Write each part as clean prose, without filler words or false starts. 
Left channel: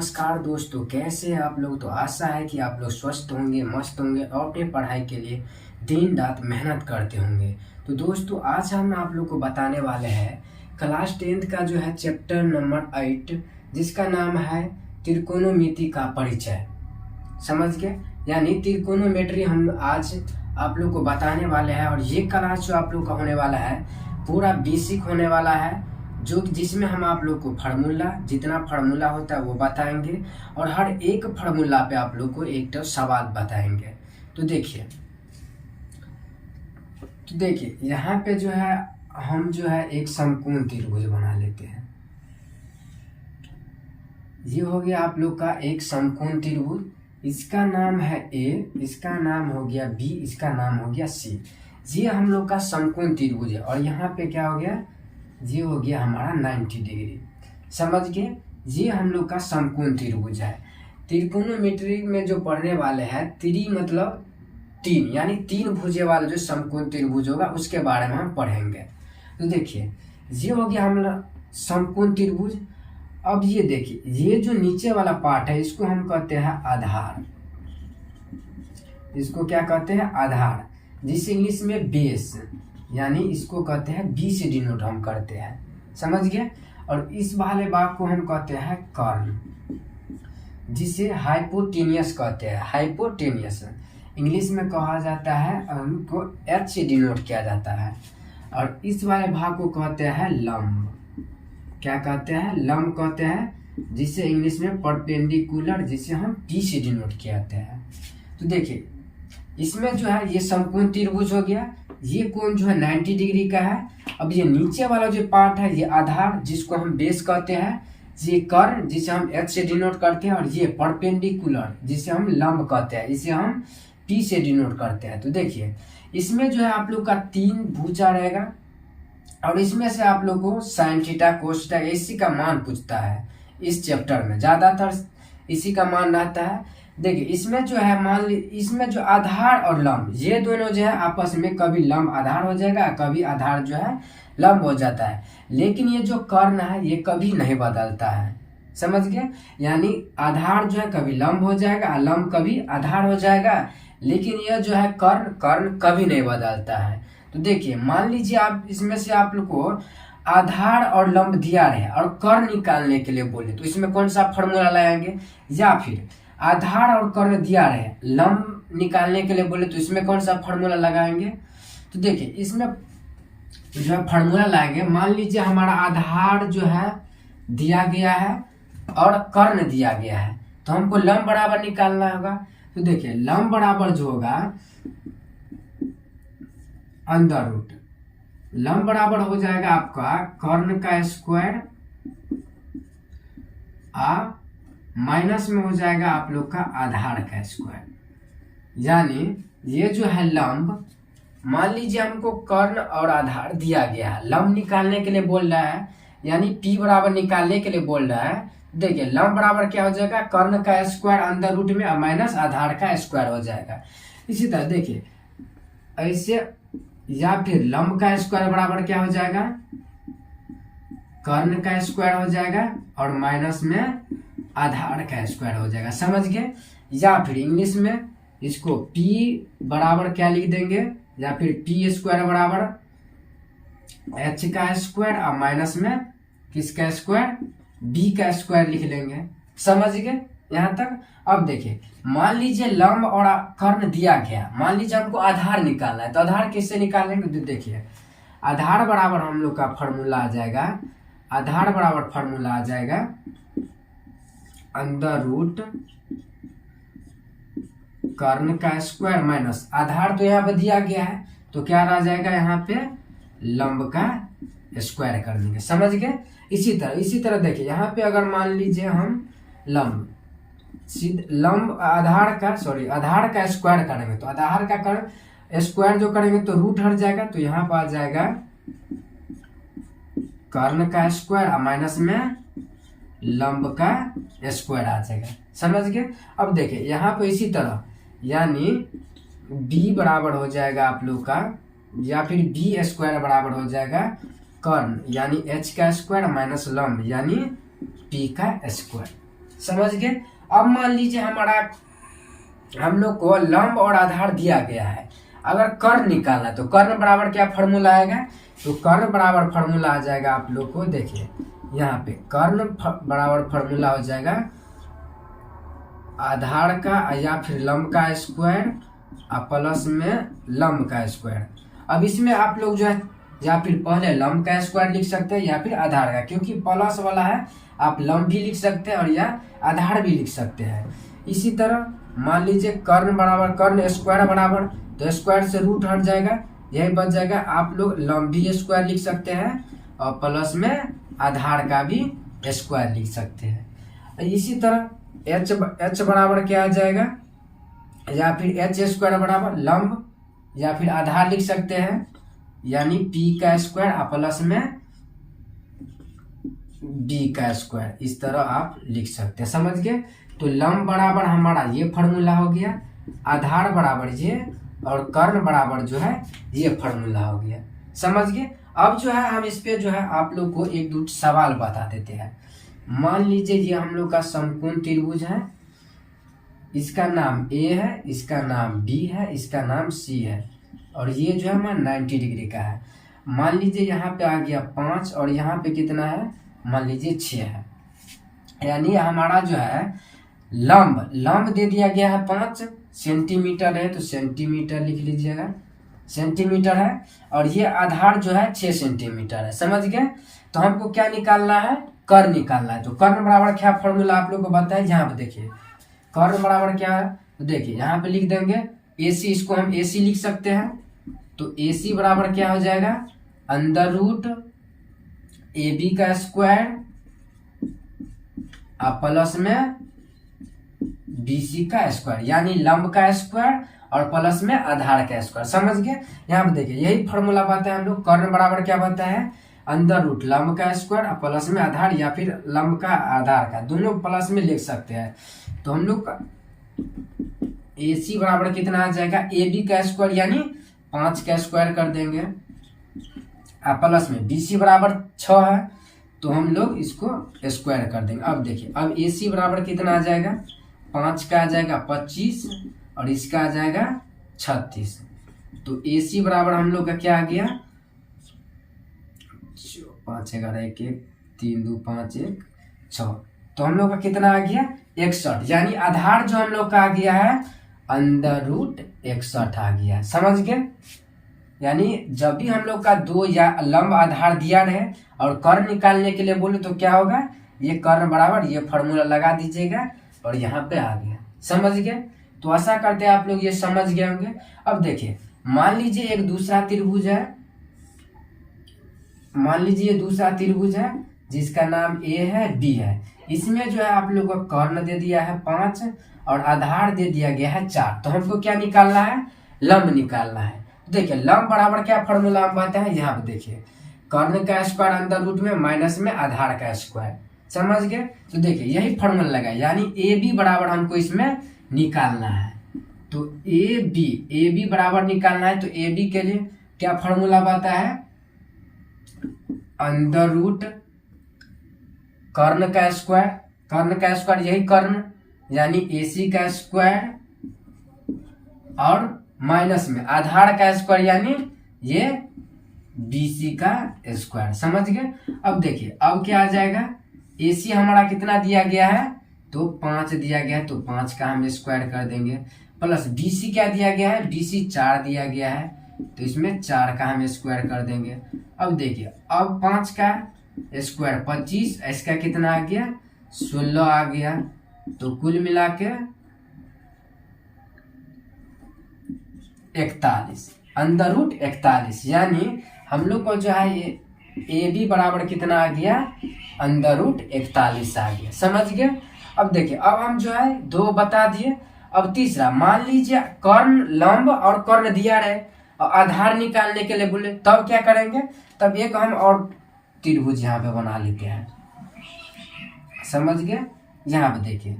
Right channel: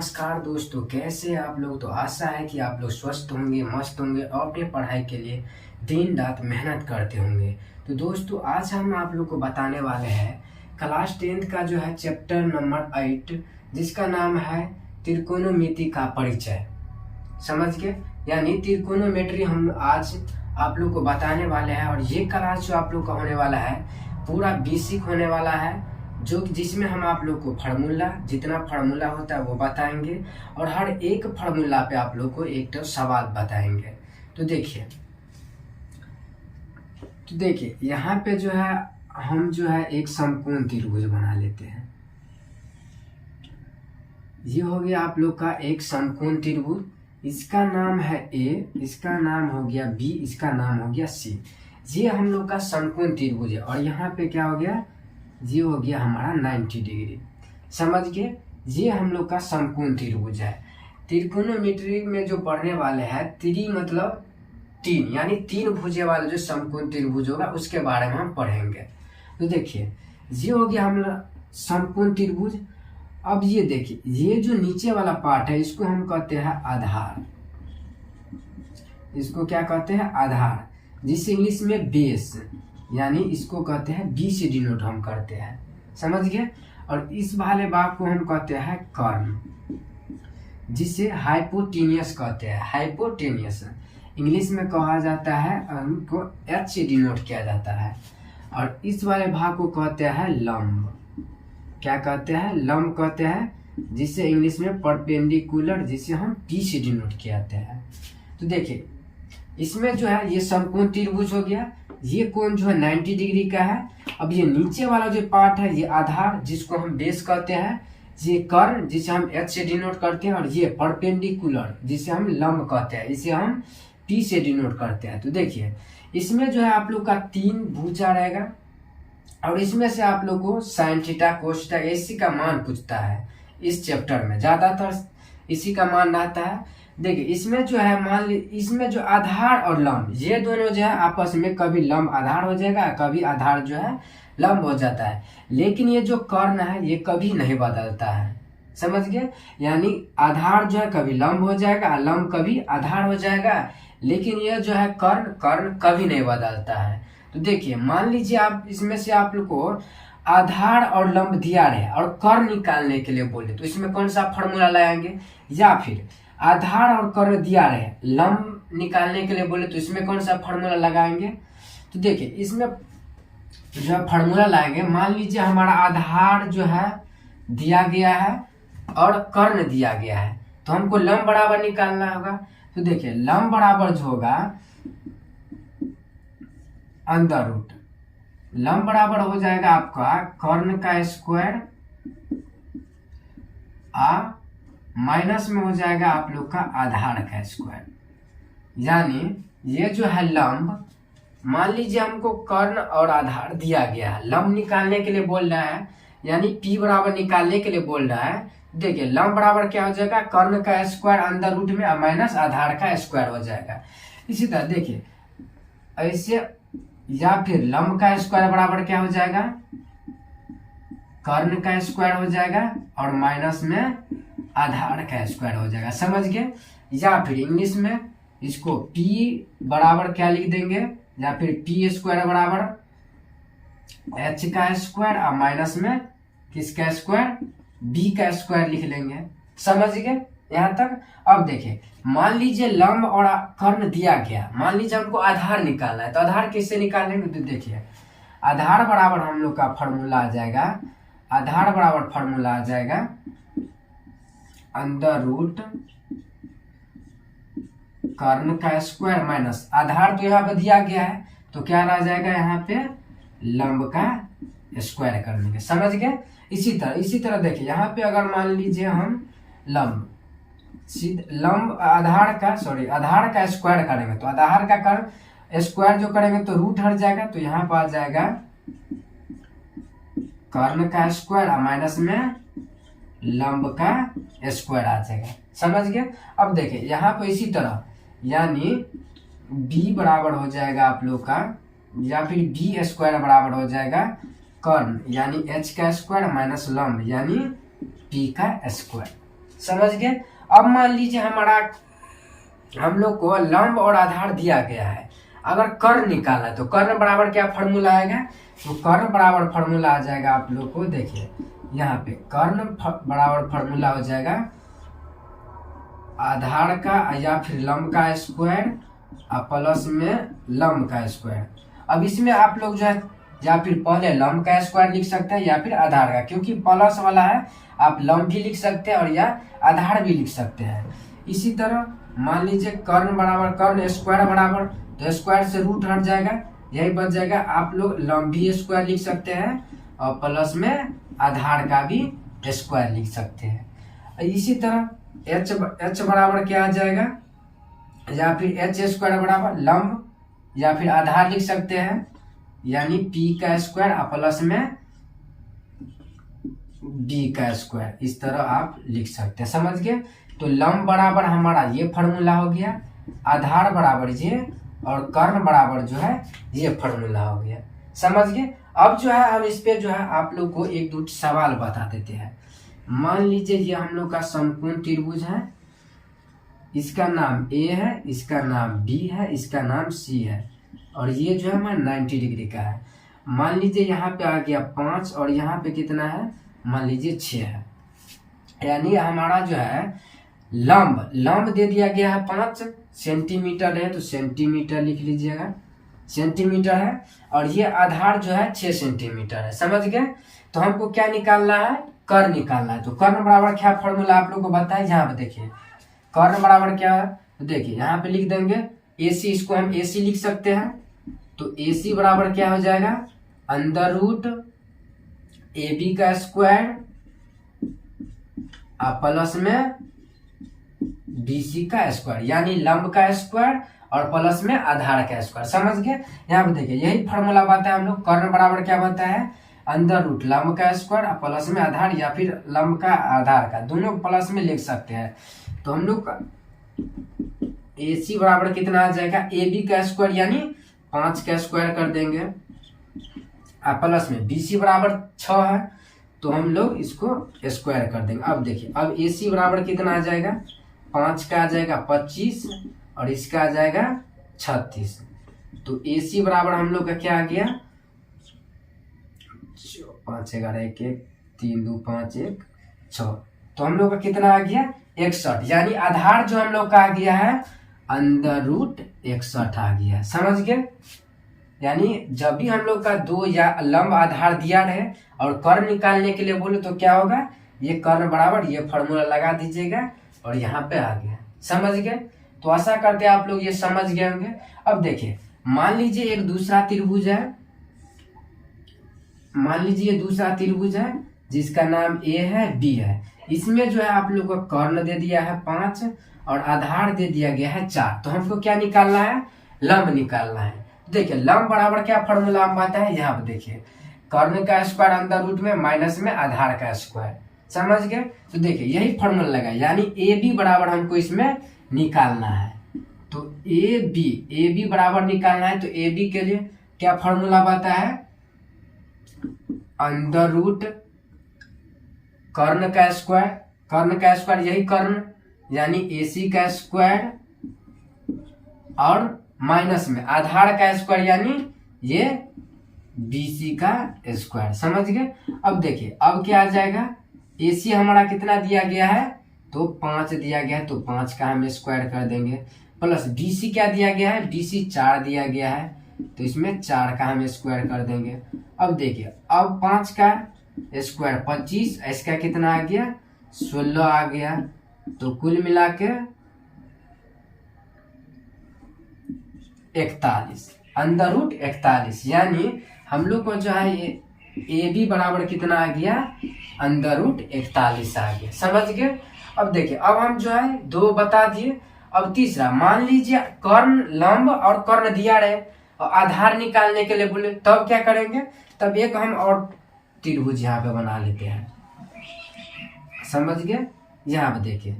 नमस्कार दोस्तों, कैसे हैं आप लोग। तो आशा है कि आप लोग स्वस्थ होंगे, मस्त होंगे और अपने पढ़ाई के लिए दिन रात मेहनत करते होंगे। तो दोस्तों आज हम आप लोग को बताने वाले हैं क्लास 10th का जो है चैप्टर नंबर 8, जिसका नाम है त्रिकोणमिति का परिचय। समझ गए, यानी त्रिकोणोमेट्री हम आज आप लोग को बताने वाले हैं। और ये क्लास जो आप लोग का होने वाला है पूरा बेसिक होने वाला है, जो जिसमें हम आप लोग को फार्मूला, जितना फार्मूला होता है वो बताएंगे और हर एक फार्मूला पे आप लोग को एक तो सवाल बताएंगे। तो देखिए यहाँ पे जो है हम जो है एक समकोण त्रिभुज बना लेते हैं। ये हो गया आप लोग का एक समकोण त्रिभुज। इसका नाम है ए, इसका नाम हो गया बी, इसका नाम हो गया सी। ये हम लोग का समकोण त्रिभुज है। और यहाँ पे क्या हो गया, ये हो गया हमारा 90 डिग्री। समझ गए, ये हम लोग का समकोण त्रिभुज है। त्रिकोणमिति में जो पढ़ने वाले हैं, त्रि मतलब तीन, यानी तीन भुजे वाले जो समकोण त्रिभुज होगा उसके बारे में हम पढ़ेंगे। तो देखिए ये हो गया हम समकोण त्रिभुज। अब ये देखिए, ये जो नीचे वाला पार्ट है इसको हम कहते हैं आधार। इसको क्या कहते हैं, आधार, जिसे इंग्लिश में बेस, यानी इसको कहते हैं बी से डिनोट हम करते हैं। समझ गए। और इस वाले भाग को हम कहते हैं कर्ण, जिसे हाइपोटेनियस कहते हैं। हाइपोटेनियस इंग्लिश में कहा जाता है, उनको एच से डिनोट किया जाता है। और इस वाले भाग को कहते हैं लंब। क्या कहते हैं, लंब कहते हैं, जिसे इंग्लिश में परपेंडिकुलर, जिसे हम पी से डिनोट किया हैं। तो देखिए इसमें जो है ये समकोण त्रिभुज हो गया। ये कोण जो है 90 डिग्री का है। अब ये नीचे वाला जो पार्ट है ये आधार, जिसको हम बेस कहते हैं। ये कर्ण, जिसे हम एच से डिनोट करते हैं। और ये परपेंडिकुलर, जिसे हम लंब कहते हैं, इसे हम टी से डिनोट करते हैं। तो देखिए इसमें जो है आप लोग का 3 भुजा रहेगा। और इसमें से आप लोग को साइन थीटा, कोस थीटा, इसी का मान पूछता है। इस चैप्टर में ज्यादातर इसी का मान रहता है। देखिए इसमें जो है मान ली, इसमें जो आधार और लंब, ये दोनों जो है आपस में कभी लंब आधार हो जाएगा, कभी आधार जो है लंब हो जाता है। लेकिन ये जो कर्ण है ये कभी नहीं बदलता है। समझ गए, यानी आधार जो है कभी लंब हो जाएगा, लंब कभी आधार हो जाएगा। लेकिन यह जो है कर्ण, कर्ण कभी नहीं बदलता है। तो देखिए मान लीजिए आप इसमें से आप लोग को आधार और लंब दिया रहे और कर्ण निकालने के लिए बोले, तो इसमें कौन सा फॉर्मूला लगाएंगे। या फिर आधार और कर्ण दिया रहे, लंब निकालने के लिए बोले, तो इसमें कौन सा फॉर्मूला लगाएंगे। तो देखिए इसमें जो है फॉर्मूला लाएंगे। मान लीजिए हमारा आधार जो है दिया गया है और कर्ण दिया गया है, तो हमको लंब बराबर निकालना होगा। तो देखिए लंब बराबर जो होगा अंडर रूट, लंब बराबर हो जाएगा आपका कर्ण का स्क्वायर माइनस में हो जाएगा आप लोग का आधार का स्क्वायर। यानी ये जो है लंब, मान लीजिए हमको कर्ण और आधार दिया गया है, लंब निकालने के लिए बोल रहा है, यानी पी बराबर निकालने के लिए बोल रहा है। देखिए लंब बराबर क्या हो जाएगा, कर्ण का स्क्वायर अंदर रूट में माइनस आधार का स्क्वायर हो जाएगा। इसी तरह देखिए ऐसे, या फिर लंब का स्क्वायर बराबर क्या हो जाएगा, कर्ण का स्क्वायर हो जाएगा और माइनस में आधार का स्क्वायर हो जाएगा। समझ गए। या फिर इंग्लिश में इसको P बराबर क्या लिख देंगे, या फिर पी स्क्वायर बराबर एच का स्क्वायर और माइनस में किसका स्क्वायर, बी का स्क्वायर लिख लेंगे। समझ गए यहाँ तक। अब देखिए मान लीजिए लंब और कर्ण दिया गया, मान लीजिए हमको आधार निकालना है, तो आधार किससे निकालेंगे। तो देखिए आधार बराबर हम लोग का फॉर्मूला आ जाएगा, आधार बराबर फॉर्मूला आ जाएगा अंडर रूट कर्ण का स्क्वायर माइनस आधार, तो यहाँ पे दिया गया है, तो क्या आ जाएगा यहाँ पे लंब का स्क्वायर कर देंगे। समझ गए। इसी तरह देखिए यहाँ पे अगर मान लीजिए हम लंब आधार का स्क्वायर करेंगे, तो आधार का स्क्वायर जो करेंगे तो रूट हट जाएगा, तो यहाँ पर आ जाएगा कर्ण का स्क्वायर माइनस में लंब का स्क्वायर आ जाएगा। समझ गए। अब देखिए यहाँ पे इसी तरह, यानी b बराबर हो जाएगा आप लोग का, या फिर बी स्क्वायर बराबर हो जाएगा कर्ण यानी h का स्क्वायर माइनस लंब यानी p का स्क्वायर। समझ गए। अब मान लीजिए हमारा हम लोग को लंब और आधार दिया गया है, अगर कर्ण निकालना है तो कर्ण बराबर क्या फॉर्मूला आएगा, तो कर्ण बराबर फॉर्मूला आ जाएगा आप लोग को, देखिए यहाँ पे कर्ण बराबर फॉर्मूला हो जाएगा आधार का या फिर लंब का स्क्वायर और प्लस में लंब का स्क्वायर। अब इसमें आप लोग जो है या फिर पहले लंब का स्क्वायर लिख सकते हैं या फिर आधार का, क्योंकि प्लस वाला है आप लंब भी लिख सकते हैं और या आधार भी लिख सकते हैं। इसी तरह मान लीजिए कर्ण बराबर कर्ण स्क्वायर बराबर, तो स्क्वायर से रूट हट जाएगा, यही बच जाएगा, आप लोग लंब भी स्क्वायर लिख सकते हैं और प्लस में आधार का भी स्क्वायर लिख सकते हैं। इसी तरह एच बराबर क्या आ जाएगा, या फिर एच स्क्वायर बराबर लंब या फिर आधार लिख सकते हैं, यानी पी का स्क्वायर और प्लस में बी का स्क्वायर, इस तरह आप लिख सकते हैं। समझ गए। तो लंब बराबर हमारा ये फॉर्मूला हो गया, आधार बराबर ये और कर्ण बराबर जो है ये फॉर्मूला हो गया। समझ गए। अब जो है हम इस पे जो है आप लोग को एक दो सवाल बता देते हैं। मान लीजिए ये हम लोग का समकोण त्रिभुज है, इसका नाम ए है, इसका नाम बी है, इसका नाम सी है और ये जो है हमारा 90 डिग्री का है। मान लीजिए यहाँ पे आ गया 5 और यहाँ पे कितना है, मान लीजिए 6 है, यानी हमारा जो है लंब दे दिया गया है 5 सेंटीमीटर है, तो सेंटीमीटर लिख लीजिएगा, सेंटीमीटर है, और ये आधार जो है 6 सेंटीमीटर है। समझ गए। तो हमको क्या निकालना है, कर्ण निकालना है। तो कर्ण बराबर क्या फॉर्मूला आप लोग को बताए, यहाँ पे देखिए कर्ण बराबर क्या है, तो देखिए यहाँ पे लिख देंगे AC, इसको हम AC लिख सकते हैं, तो AC बराबर क्या हो जाएगा, अंडर रूट AB का स्क्वायर प्लस में BC का स्क्वायर, यानी लंब का स्क्वायर और प्लस में आधार का स्क्वायर। समझ गए। यहाँ पे देखिए यही फॉर्मूला बताया हम लोग, कर्ण बराबर क्या बताया है, अंडर रूट लंब का स्क्वायर और प्लस में आधार या फिर लंब का आधार का, दोनों प्लस में लिख सकते हैं। तो हम लोग AC बराबर कितना आ जाएगा, AB का स्क्वायर यानी 5 का स्क्वायर कर देंगे प्लस में BC बराबर 6 है, तो हम लोग इसको स्क्वायर कर देंगे। अब देखिए अब AC बराबर कितना आ जाएगा, 5 का आ जाएगा 25 और इसका आ जाएगा 36। तो AC बराबर हम लोग का क्या आ गया, 5 11 1 1 3 2 5 1 6, तो हम लोग का कितना आ गया 61, यानी आधार जो हम लोग का आ गया है अंडर रूट 61 आ गया। समझ गए। यानी जब भी हम लोग का दो या लंब आधार दिया रहे और कर्ण निकालने के लिए बोले तो क्या होगा, ये कर्ण बराबर ये फॉर्मूला लगा दीजिएगा और यहाँ पे आ गया। समझ गए। तो आशा करते हैं आप लोग ये समझ गए होंगे। अब देखिए मान लीजिए एक दूसरा त्रिभुज है, मान लीजिए दूसरा त्रिभुज है जिसका नाम A है B है, इसमें जो है आप लोग को कर्ण दे दिया है 5 और आधार दे दिया गया है 4। तो हमको क्या निकालना है, लंब निकालना है। देखिए लंब बराबर क्या फॉर्मूला हम आता है, यहाँ पे देखिए कर्ण का स्क्वायर अंदर रूट में माइनस में आधार का स्क्वायर। समझ गए। तो देखिए यही फॉर्मूला लगा, यानी AB बराबर हमको इसमें निकालना है। तो AB बराबर निकालना है, तो AB के लिए क्या फॉर्मूला आता है, अंडर रूट कर्ण का स्क्वायर यही कर्ण यानी AC का स्क्वायर और माइनस में आधार का स्क्वायर यानी ये BC का स्क्वायर। समझ गए। अब देखिए अब क्या आ जाएगा, AC हमारा कितना दिया गया है, तो 5 दिया गया है, तो 5 का हम स्क्वायर कर देंगे, प्लस BC क्या दिया गया है, BC 4 दिया गया है, तो इसमें 4 का हम स्क्वायर कर देंगे। अब देखिए अब 5 का स्क्वायर 25, इसका कितना आ गया 16 आ गया, तो कुल मिला के 41 अंडर रूट 41, यानी हम लोग को जो है ये AB बराबर कितना आ गया, अंडर रूट 41 आ गया। समझ गए। अब देखिए अब हम जो है 2 बता दिए। अब तीसरा मान लीजिए कर्ण लंब और कर्ण दिया रहे और आधार निकालने के लिए बोले, तब क्या करेंगे, तब एक हम और त्रिभुज यहाँ पे बना लेते हैं। समझ गए। यहाँ पे देखिए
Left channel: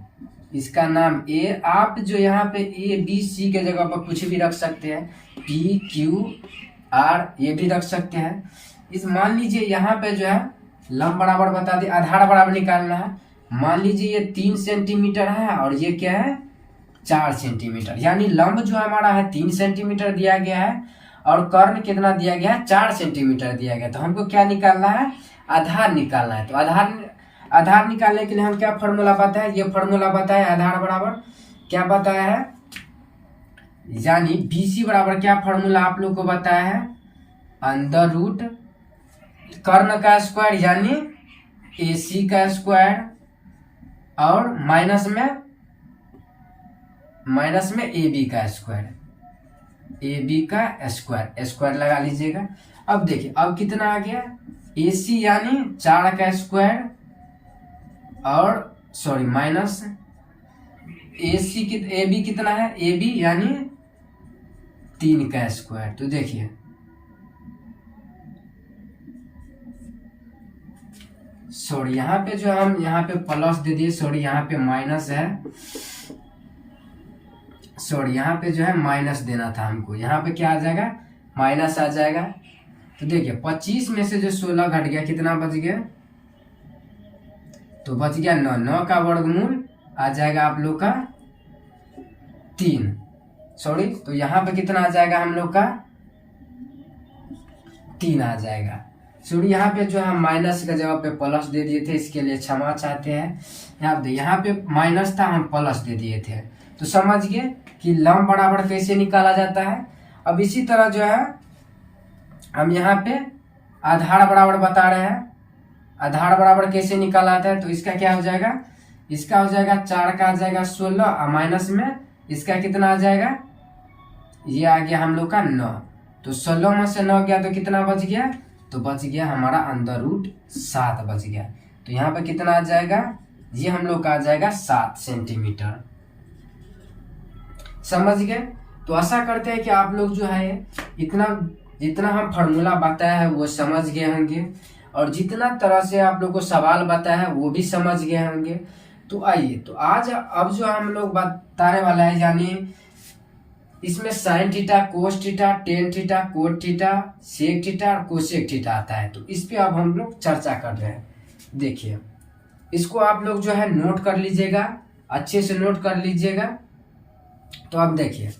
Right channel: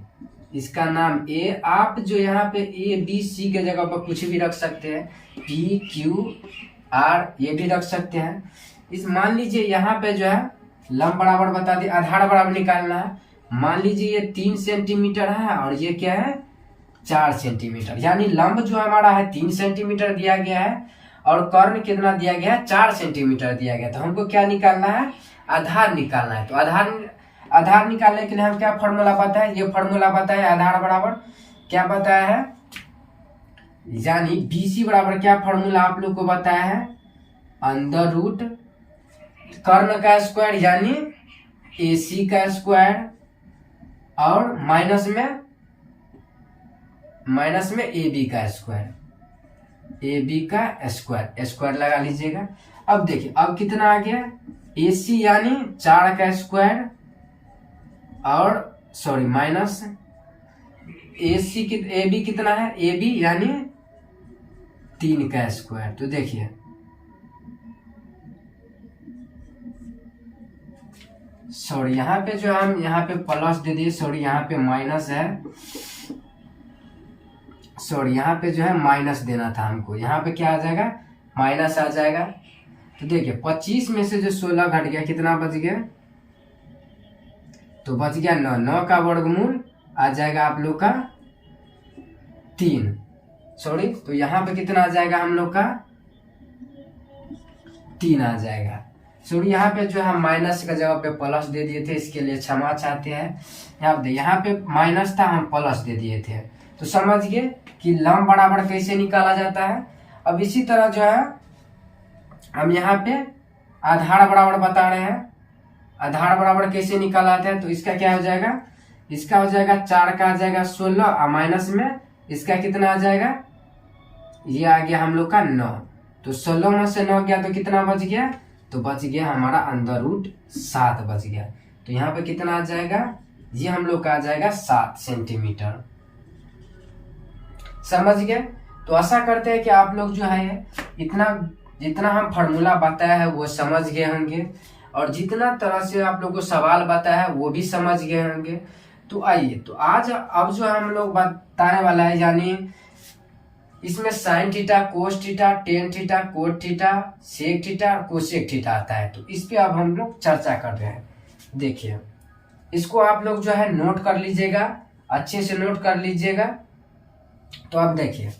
इसका नाम A, आप जो यहाँ पे ABC के जगह पर कुछ भी रख सकते हैं, PQR ये भी रख सकते हैं। इस मान लीजिए यहाँ पे जो है लंब बराबर बता दिए, आधार बराबर निकालना है, मान लीजिए ये 3 सेंटीमीटर है और ये क्या है 4 सेंटीमीटर, यानी लंब जो हमारा है 3 सेंटीमीटर दिया गया है और कर्ण कितना दिया गया है 4 सेंटीमीटर दिया गया। तो हमको क्या निकालना है, आधार निकालना है। तो आधार निकालने के लिए हम क्या फॉर्मूला पता है, ये फॉर्मूला पता है, आधार बराबर क्या बताया है, यानी BC बराबर क्या फॉर्मूला आप लोग को बताया है, अंडर रूट कर्ण का स्क्वायर यानी AC का स्क्वायर और माइनस में AB का स्क्वायर, AB का स्क्वायर लगा लीजिएगा। अब देखिए अब कितना आ गया, AC यानी 4 का स्क्वायर और सॉरी माइनस AB कितना है, AB यानी 3 का स्क्वायर। तो देखिए सॉरी यहाँ पे जो हम यहाँ पे प्लस दे दिए, सॉरी यहाँ पे माइनस है, सॉरी यहाँ पे जो है माइनस देना था हमको, यहाँ पे क्या आ जाएगा माइनस आ जाएगा। तो देखिए 25 में से जो 16 घट गया कितना बच गया, तो बच गया 9 का वर्गमूल आ जाएगा आप लोग का 3, सॉरी तो यहाँ पे कितना आ जाएगा हम लोग का 3 आ जाएगा। सॉरी यहाँ पे जो हम माइनस का जगह पे प्लस दे दिए थे, इसके लिए क्षमा चाहते हैं। यहाँ पे माइनस था हम प्लस दे दिए थे। तो समझ गए कि लंब बराबर कैसे निकाला जाता है। अब इसी तरह जो है हम यहाँ पे आधार बराबर बता रहे हैं, आधार बराबर कैसे निकाला जाता है। तो इसका क्या हो जाएगा, इसका हो जाएगा 4 का आ जाएगा 16 और माइनस में इसका कितना आ जाएगा, ये आ गया हम लोग का 9। तो 16 में से 9 गया तो कितना बच गया, तो बच गया हमारा अंडर रूट 7 बच गया। तो यहाँ पे कितना आ जाएगा, ये हम लोग का आ जाएगा 7 सेंटीमीटर। समझ गए। तो आशा करते हैं कि आप लोग जो है इतना जितना हम फार्मूला बताया है वो समझ गए होंगे और जितना तरह से आप लोग को सवाल बताया है वो भी समझ गए होंगे। तो आइए तो आज अब जो हम लोग बताने वाला है, यानी इसमें sine theta, cos theta, tan theta, cot theta, sec theta और कोसेक थीटा आता है। तो इस पे अब हम लोग चर्चा कर रहे हैं। देखिए इसको आप लोग जो है नोट कर लीजिएगा, अच्छे से नोट कर लीजिएगा। तो अब देखिए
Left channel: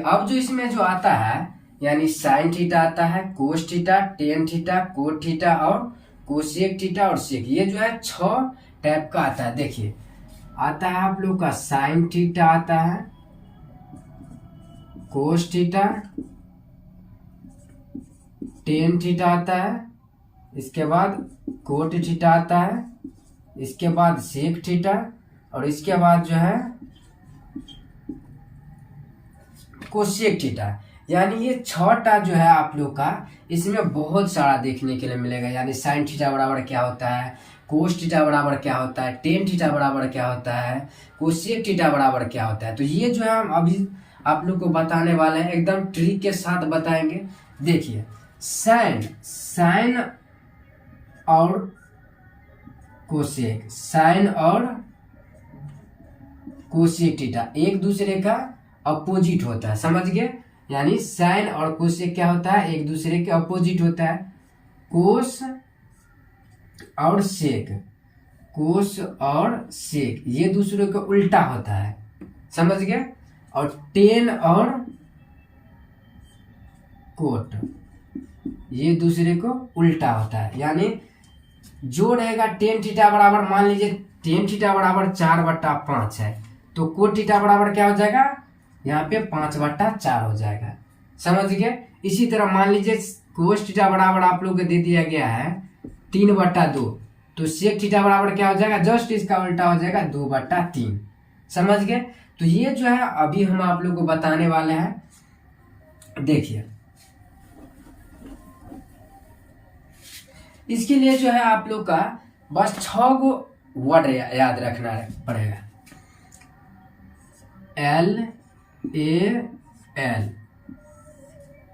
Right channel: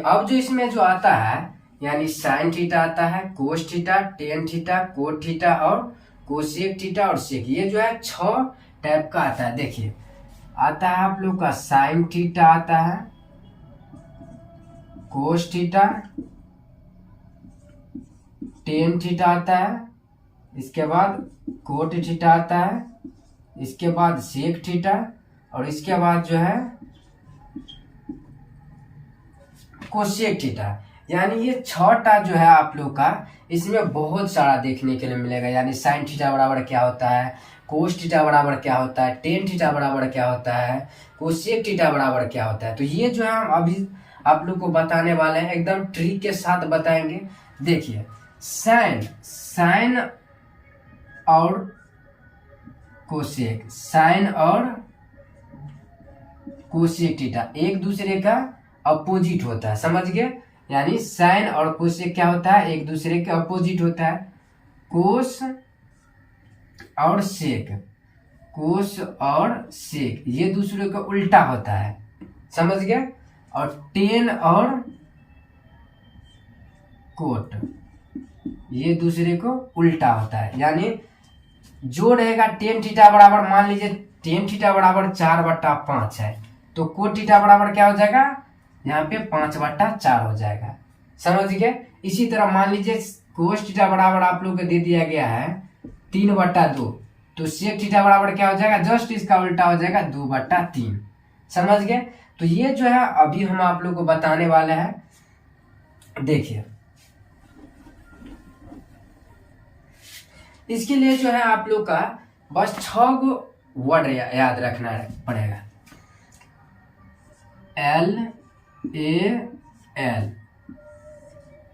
अब जो इसमें जो आता है यानी साइन थीटा आता है, कोस theta, tan theta, cot theta और कोसेक थीटा और सेक, ये जो है 6 टाइप का आता है। देखिए आता है आप लोग का साइन थीटा आता है, कोस थीटा, टेन थीटा आता है, इसके बाद कोट थीटा आता है, इसके बाद सेक थीटा और इसके बाद जो है कोसेक थीटा। यानी ये 6टा जो है आप लोग का इसमें बहुत सारा देखने के लिए मिलेगा। यानी साइन थीटा बराबर क्या होता है, कोस थीटा बराबर क्या होता है, टेन थीटा बराबर क्या होता है, कोसेक थीटा बराबर क्या होता है। तो ये जो है हम अभी आप लोग को बताने वाले हैं, एकदम ट्रिक के साथ बताएंगे। देखिए साइन और कोसेक, साइन और कोसेक थीटा एक दूसरे का अपोजिट होता है, समझ गए। यानी साइन और कोसेक क्या होता है, एक दूसरे के अपोजिट होता है। कोस और सेक, कोस और सेक ये दूसरे का उल्टा होता है, समझ गए। और टेन और कोट ये दूसरे को उल्टा होता है। यानी जो रहेगा टेन थीटा बराबर, मान लीजिए टेन थीटा बराबर 4/5 है, तो कोट थीटा बराबर क्या हो जाएगा, यहाँ पे 5/4 हो जाएगा, समझ गए। इसी तरह मान लीजिए कोस थीटा बराबर आप लोग को दे दिया गया है 3/2, तो सेक थीटा बराबर क्या हो जाएगा, जस्ट इसका उल्टा हो जाएगा 2/3, समझ गए। तो ये जो है अभी हम आप लोग को बताने वाले हैं। देखिए इसके लिए जो है आप लोग का बस 6 गो वर्ड याद रखना पड़ेगा। LAL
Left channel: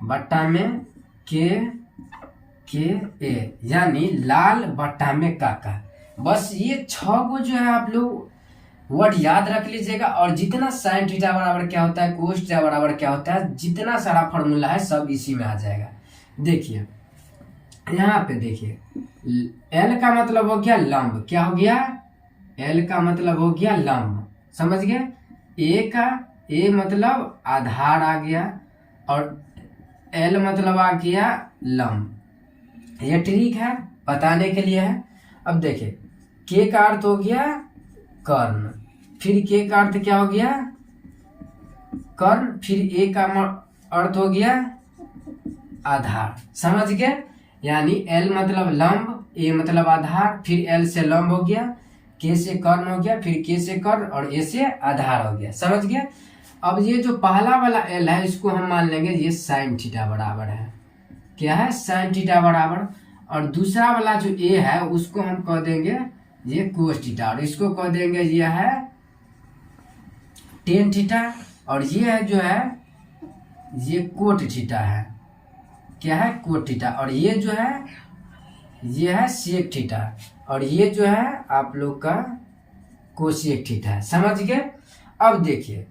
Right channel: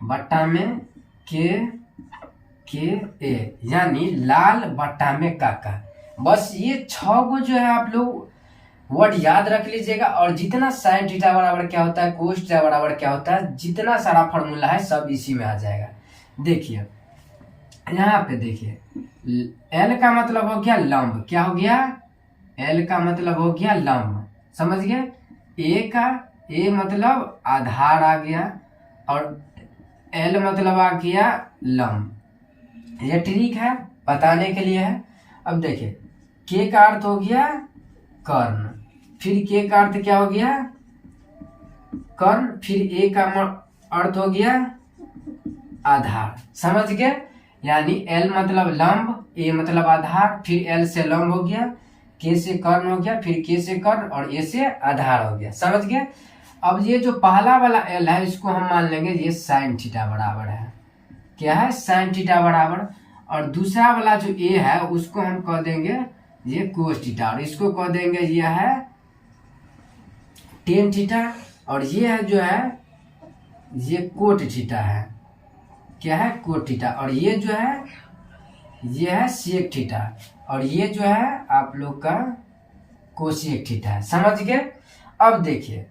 बट्टा में के ए, यानी लाल बट्टा में काका। बस ये 6 गो जो है आप लोग वर्ड याद रख लीजिएगा। और जितना साइन थीटा बराबर क्या होता है, कोस थीटा बराबर क्या होता है, जितना सारा फॉर्मूला है सब इसी में आ जाएगा। देखिए यहाँ पे देखिए, एल का मतलब हो गया लंब, क्या हो गया, एल का मतलब हो गया लंब, समझ गए। ए मतलब आधार आ गया और एल मतलब आ गया लंब। ये ट्रिक है, बताने के लिए है। अब देखिए के का अर्थ हो गया कर्ण, फिर के का अर्थ क्या हो गया कर्ण, फिर ए का अर्थ हो गया आधार, समझ गए। यानी एल मतलब लंब, ए मतलब आधार, फिर एल से लंब हो गया, के से कर्ण हो गया, फिर के से कर्ण और ए से आधार हो गया, समझ गए। अब ये जो पहला वाला एल है इसको हम मान लेंगे ये साइन थीटा बराबर है, क्या है, साइन थीटा बराबर। और दूसरा वाला जो ए है उसको हम कह देंगे ये कोस थीटा, और इसको कह देंगे ये है टेन थीटा, और ये है जो है ये कोट थीटा है, क्या है, कोट थीटा। और ये जो है ये है सेक थीटा, और ये जो है आप लोग का कोसेक थीटा है, समझ गए। अब देखिए,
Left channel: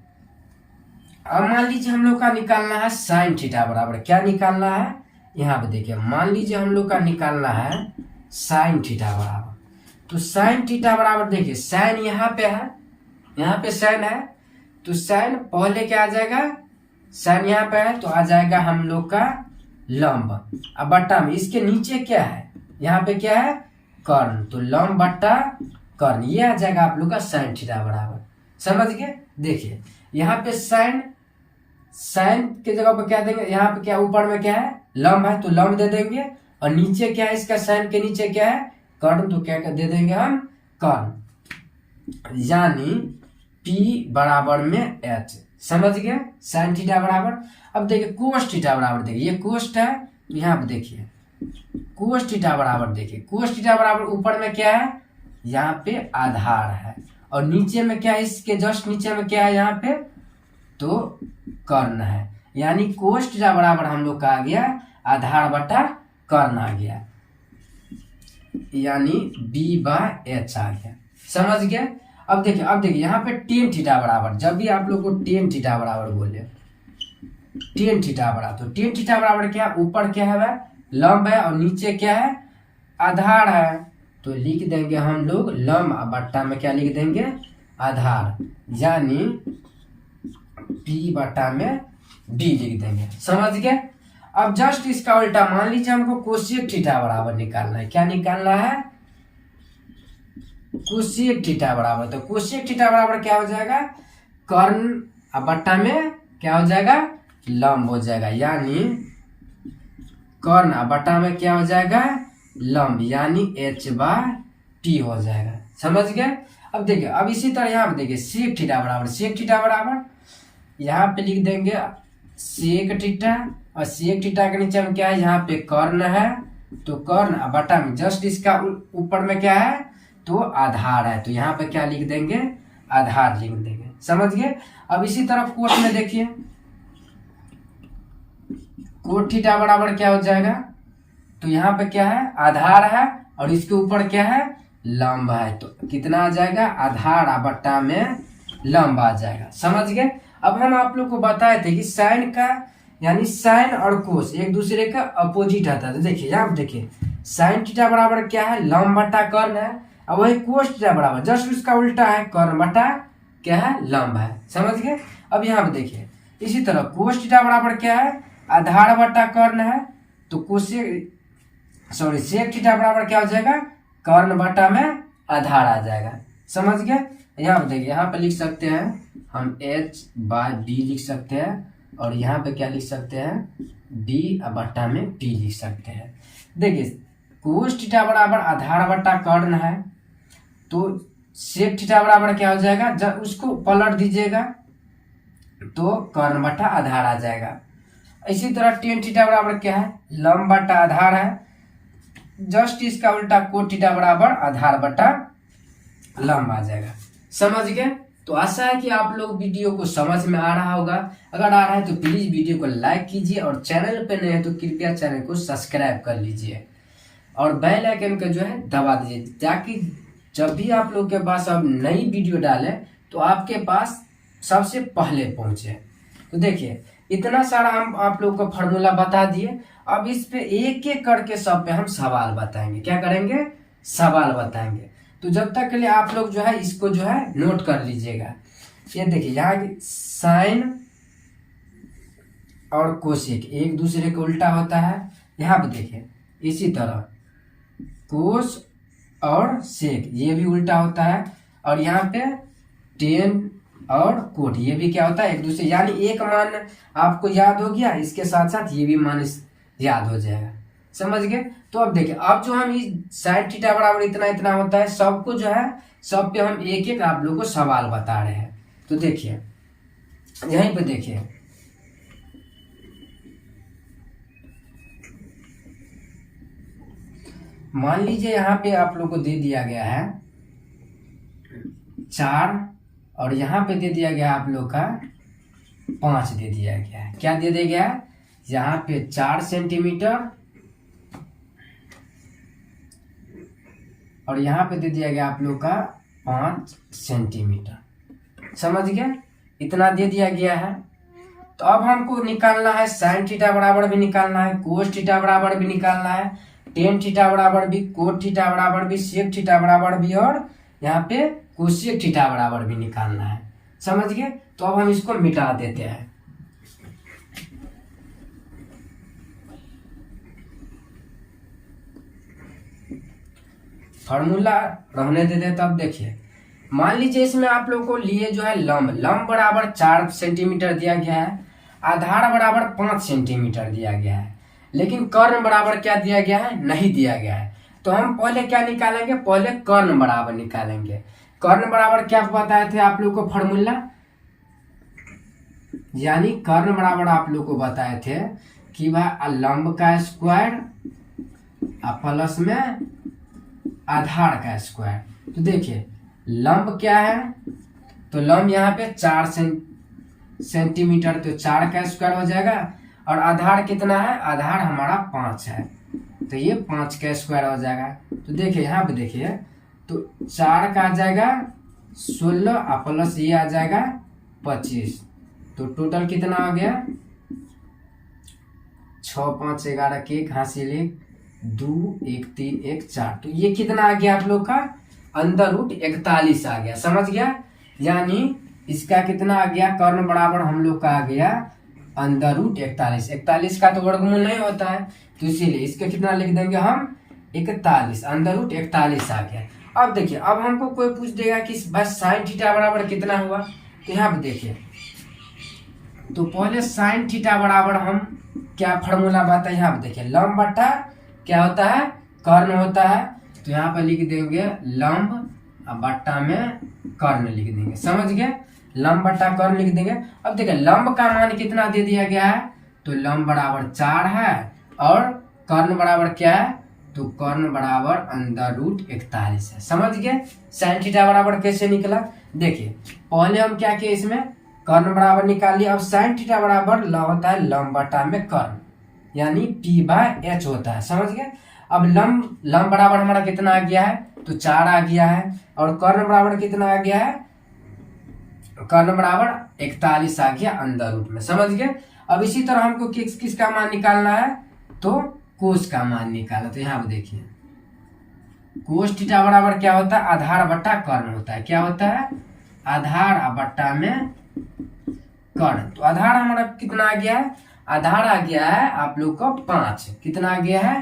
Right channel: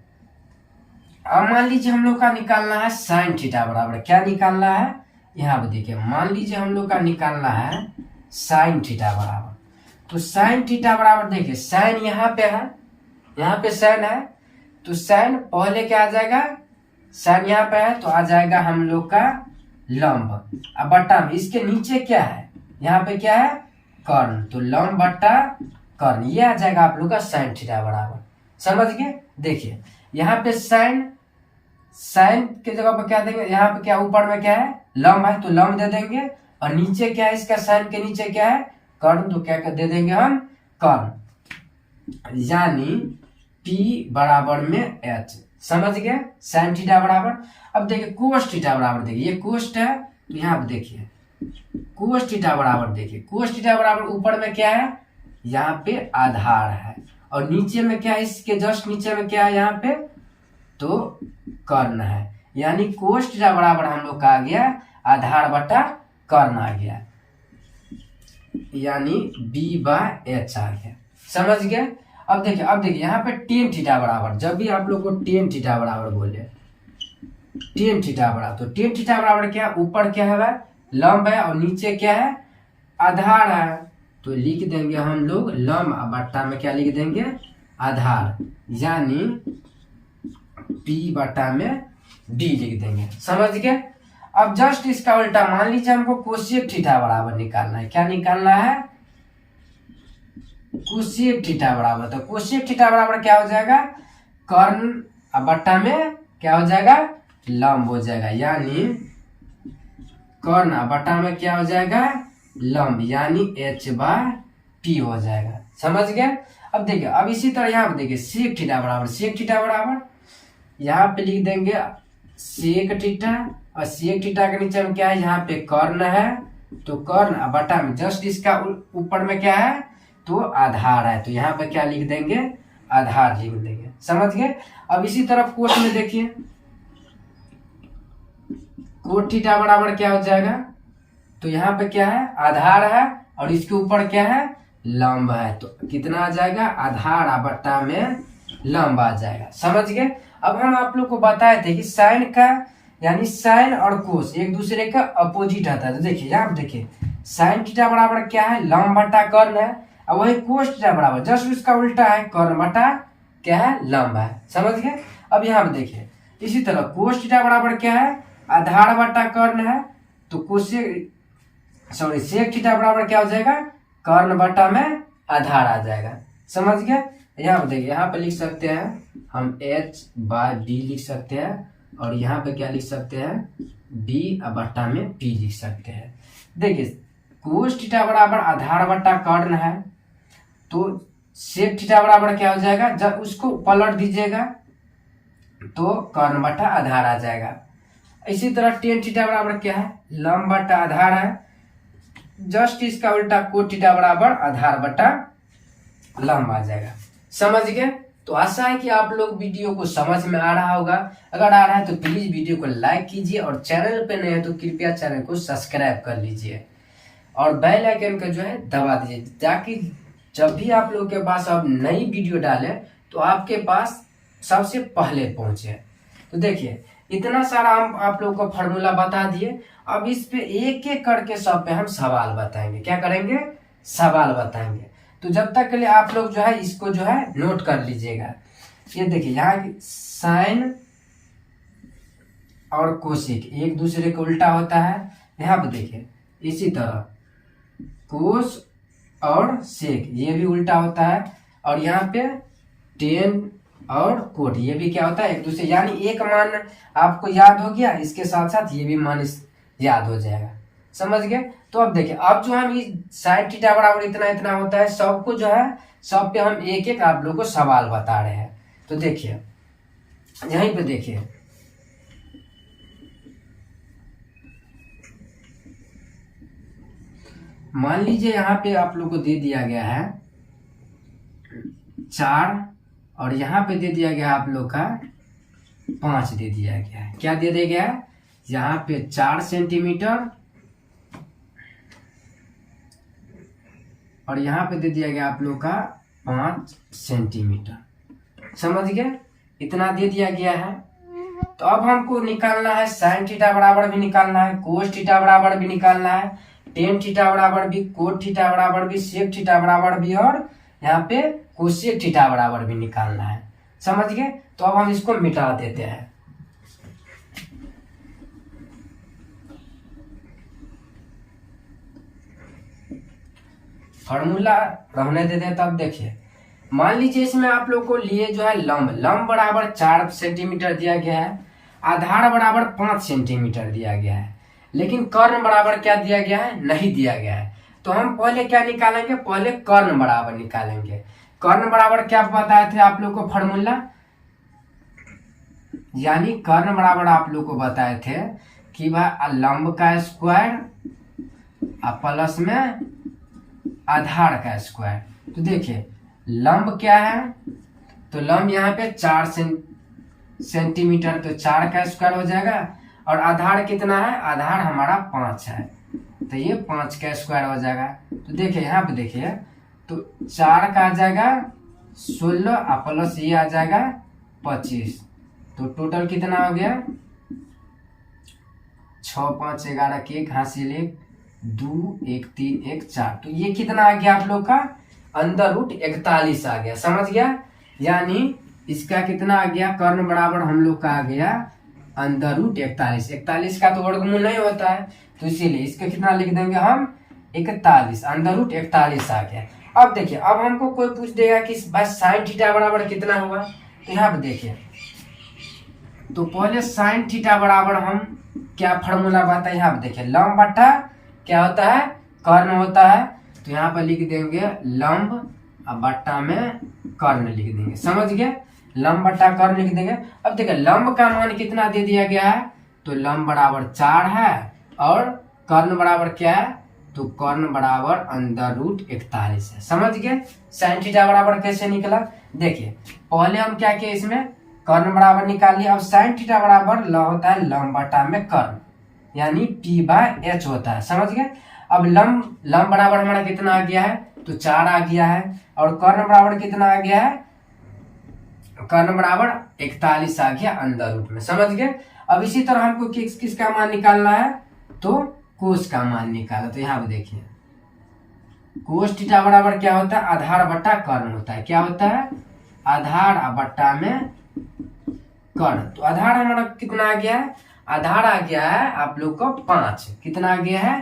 अब मान लीजिए हम लोग का निकालना है साइन थीटा बराबर, क्या निकालना है, यहाँ पे देखिए, मान लीजिए हम लोग का निकालना है साइन थीटा बराबर। तो साइन थीटा बराबर देखिए, साइन यहाँ पे है, यहाँ पे साइन है, तो साइन पहले क्या आ जाएगा, साइन यहाँ पे है तो आ जाएगा हम लोग का लंब। अब बट्टा में इसके नीचे क्या है, यहाँ पे क्या है कर्ण, तो लंब बट्टा कर्ण, ये आ जाएगा आप लोग का साइन थीटा बराबर, समझ गए। देखिए यहाँ पे साइन, साइन के जगह पे क्या देंगे, यहाँ पे क्या ऊपर में क्या है लंब है तो लंब दे देंगे, और नीचे क्या है इसका, साइन के नीचे क्या है कर्ण, तो क्या दे देंगे हम कर्ण, यानी P बराबर में H, समझ गए, साइन थीटा बराबर। अब देखिए कोस थीटा बराबर, देखिए ये कोस्ट है तो यहाँ पे देखिए कोस थीटा बराबर, देखिए कोस थीटा बराबर ऊपर में क्या है, यहाँ पे आधार है, और नीचे में क्या है, इसके जस्ट नीचे में क्या है यहाँ पे तो कर्ण है, यानी कोस थीटा बराबर हम लोग का आ गया आधार बटा कर्ण आ गया, यानी B/H आ गया, समझ गए। अब देखिए यहाँ पे टेन थीटा बराबर, जब भी आप लोग को टेन थीटा बराबर बोले, टेन थीटा बराबर, तो टेन थीटा बराबर क्या, ऊपर क्या है लंब है और नीचे क्या है आधार है, तो लिख देंगे हम लोग लंब बट्टा में क्या लिख देंगे आधार, यानी P बट्टा में D लिख देंगे, समझ गए। अब जस्ट इसका उल्टा मान लीजिए हमको कोसेक थीटा बराबर निकालना है, क्या निकालना है कोसेक थीटा बराबर, तो कोसेक थीटा बराबर क्या हो जाएगा कर्ण बट्टा में क्या हो जाएगा लंब हो जाएगा, यानी कर्ण बट्टा में क्या हो जाएगा लंब, यानी H/P हो जाएगा, समझ गए। अब देखिए, अब इसी तरह यहाँ पे देखिए सेक थीटा बराबर, सेक थीटा बराबर यहाँ पे लिख देंगे सेक थीटा, और सेक थीटा के नीचे में क्या है यहाँ पे कर्ण है, तो कर्ण बट्टा में जस्ट इसका ऊपर में क्या है तो आधार है, तो यहाँ पे क्या लिख देंगे आधार लिख देंगे, समझ गए। अब इसी तरह कोट में देखिए, कोट थीटा बराबर क्या हो जाएगा, तो यहाँ पे क्या है आधार है और इसके ऊपर क्या है लंब है, तो कितना आ जाएगा आधार बट्टा में लंब आ जाएगा, समझ गए। अब हम आप लोग को बताए थे कि साइन का यानी साइन और कोस एक दूसरे का अपोजिट आता है, तो देखिए यहाँ पे देखिए साइन थीटा बराबर क्या है लंब बट्टा कर्ण है, और वही कोस थीटा बराबर जस्ट उसका उल्टा है कर्ण बट्टा क्या है लंब है, समझ गए। अब यहाँ पे देखिए इसी तरह कोस थीटा बराबर क्या है आधार बट्टा कर्ण है, तो कोसेक सॉरी सेक थीटा बराबर क्या हो जाएगा कर्ण बट्टा में आधार आ जाएगा, समझ गए। यहाँ पे देखिए, यहाँ पे लिख सकते हैं हम H/D लिख सकते हैं, और यहाँ पे क्या लिख सकते हैं B बट्टा में P लिख सकते हैं। देखिए कोस थीटा बराबर आधार बट्टा कर्ण है, तो सेक थीटा बराबर क्या हो जाएगा, जब उसको पलट दीजिएगा तो कर्ण बट्टा आधार आ जाएगा। इसी तरह टेन थीटा बराबर क्या है लंब बट्टा आधार है, जस्ट इसका उल्टा कोट थीटा बराबर आधार बट्टा लंब आ जाएगा, समझ गए। तो आशा है कि आप लोग वीडियो को समझ में आ रहा होगा। अगर आ रहा है तो प्लीज वीडियो को लाइक कीजिए और चैनल पे नए हैं तो कृपया चैनल को सब्सक्राइब कर लीजिए और बेल आइकन का जो है दबा दीजिए, ताकि जब भी आप लोग के पास अब नई वीडियो डाले तो आपके पास सबसे पहले पहुंचे। तो देखिए इतना सारा हम आप लोग को फॉर्मूला बता दिए। अब इस पे एक एक करके सब पे हम सवाल बताएंगे। क्या करेंगे? सवाल बताएंगे। तो जब तक के लिए आप लोग जो है इसको जो है नोट कर लीजिएगा। ये देखिए यहाँ साइन और कोशिक एक दूसरे के उल्टा होता है। यहाँ पे देखिए इसी तरह कोस और सेक ये भी उल्टा होता है। और यहाँ पे टेन और कोट ये भी क्या होता है? एक दूसरे, यानी एक मान आपको याद हो गया, इसके साथ साथ ये भी मान याद हो जाएगा। समझ गए? तो अब देखिए अब जो हम साइन थीटा बराबर इतना इतना होता है, सबको जो है सब पे हम एक एक आप लोग को सवाल बता रहे हैं। तो देखिए यहीं पे देखिए मान लीजिए यहाँ पे आप लोग को दे दिया गया है 4 और यहाँ पे दे दिया गया आप लोग का 5 दे दिया गया है। क्या दे दिया गया है? यहाँ पे 4 सेंटीमीटर और यहाँ पे दे दिया गया आप लोग का 5 सेंटीमीटर। समझ गए? इतना दे दिया गया है। तो अब हमको निकालना है साइन थीटा बराबर भी निकालना है, कोस थीटा बराबर भी निकालना है, टेन थीटा बराबर भी, कोट थीटा बराबर भी, सेक थीटा बराबर भी और यहाँ पे कोसेक थीटा बराबर भी निकालना है। समझ गए? तो अब हम इसको मिटा देते हैं। फॉर्मूला रहने देते हैं। तब देखिए मान लीजिए इसमें आप लोग को लिए जो है लंब बराबर 4 सेंटीमीटर दिया गया है, आधार बराबर 5 सेंटीमीटर दिया गया है, लेकिन कर्ण बराबर क्या दिया गया है? नहीं दिया गया है। तो हम पहले क्या निकालेंगे? पहले कर्ण बराबर निकालेंगे। कर्ण बराबर क्या बताए थे आप लोग को फॉर्मूला? यानी कर्ण बराबर आप लोग को बताए थे कि भाई लंब का स्क्वायर प्लस में आधार का स्क्वायर। तो देखिए लंब क्या है? तो लंब यहाँ पे 4 सेंटीमीटर, तो 4 का स्क्वायर हो जाएगा। और आधार कितना है? आधार हमारा 5 है, तो ये 5 का स्क्वायर हो जाएगा। तो देखिए यहाँ पे देखिए तो 4 का आ जाएगा 16 प्लस ये आ जाएगा 25, तो टोटल कितना हो गया? 6 5 11 के 1 हासिल 1 2 1 3 1 4। तो ये कितना आ गया आप लोग का? अंदर रूट 41 आ गया। समझ गया? यानी इसका कितना आ गया? कर्ण बराबर हम लोग का आ गया अंदर रूट 41। 41 का तो वर्गमूल नहीं होता है, तो इसीलिए इसका कितना लिख देंगे हम? 41। अंदर रूट 41 आ गया। अब देखिए अब हमको कोई पूछ देगा कि भाई साइन थीटा बराबर कितना हुआ? तो यहाँ पे देखिए तो पहले साइन थीटा बराबर हम क्या फॉर्मूला बात है? यहाँ पे देखिए लंब बट्टा क्या होता है? कर्ण होता है। तो यहाँ पे लिख देंगे लंब और बट्टा में कर्ण लिख देंगे। समझ गए? लंब बट्टा कर्ण लिख देंगे। अब देखिए लंब का मान कितना दे दिया गया है? तो लंब बराबर 4 है और कर्ण बराबर क्या है? तो कर्ण बराबर अंदर रूट 41 है। समझ गए? साइन थीटा बराबर कैसे निकला? देखिए पहले हम क्या किए, इसमें कर्ण बराबर निकाल लिया। अब साइन थीटा बराबर होता है लंब बटा में कर्ण, यानी P/H होता है। समझ गए? अब लंब बराबर हमारा कितना आ गया है? तो 4 आ गया है। और कर्ण बराबर कितना आ गया है? कर्ण बराबर 41 आ गया अंदर रूट में। समझ गए? अब इसी तरह हमको किसका मान निकालना है? तो कोस का मान निकाला। तो यहाँ पे देखिए कोस थीटा बराबर क्या होता है? आधार बट्टा कर्ण होता है। क्या होता है? आधार बट्टा में कर्ण। तो आधार हमारा कितना आ गया है? आधार आ गया है आप लोग को 5। कितना आ गया है?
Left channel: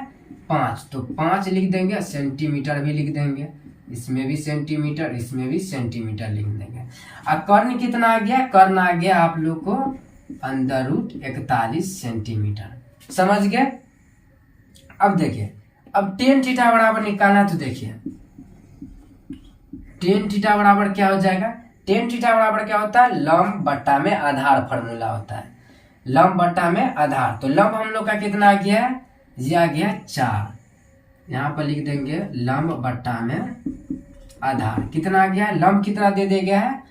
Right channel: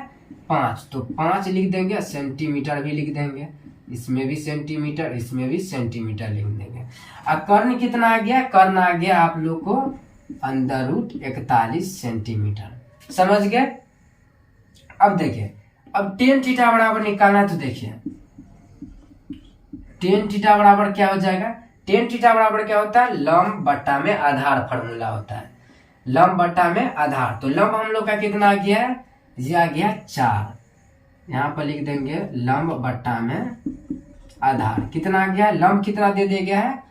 5। तो 5 लिख देंगे, सेंटीमीटर भी लिख देंगे, इसमें भी सेंटीमीटर, इसमें भी सेंटीमीटर लिख देंगे। अब कर्ण कितना आ गया? कर्ण आ गया आप लोग को अंदर रूट 41 सेंटीमीटर। समझ गए? अब देखिए अब टेन थीटा बराबर निकालना है। तो देखिए टेन थीटा बराबर क्या हो जाएगा? टेन थीटा बराबर क्या होता है? लंब बट्टा में आधार फॉर्मूला होता है। लंब बट्टा में आधार। तो लंब हम लोग का कितना आ गया है? ये आ गया 4। यहाँ पर लिख देंगे लंब बट्टा में आधार। कितना आ गया? लंब कितना दे दिया गया है?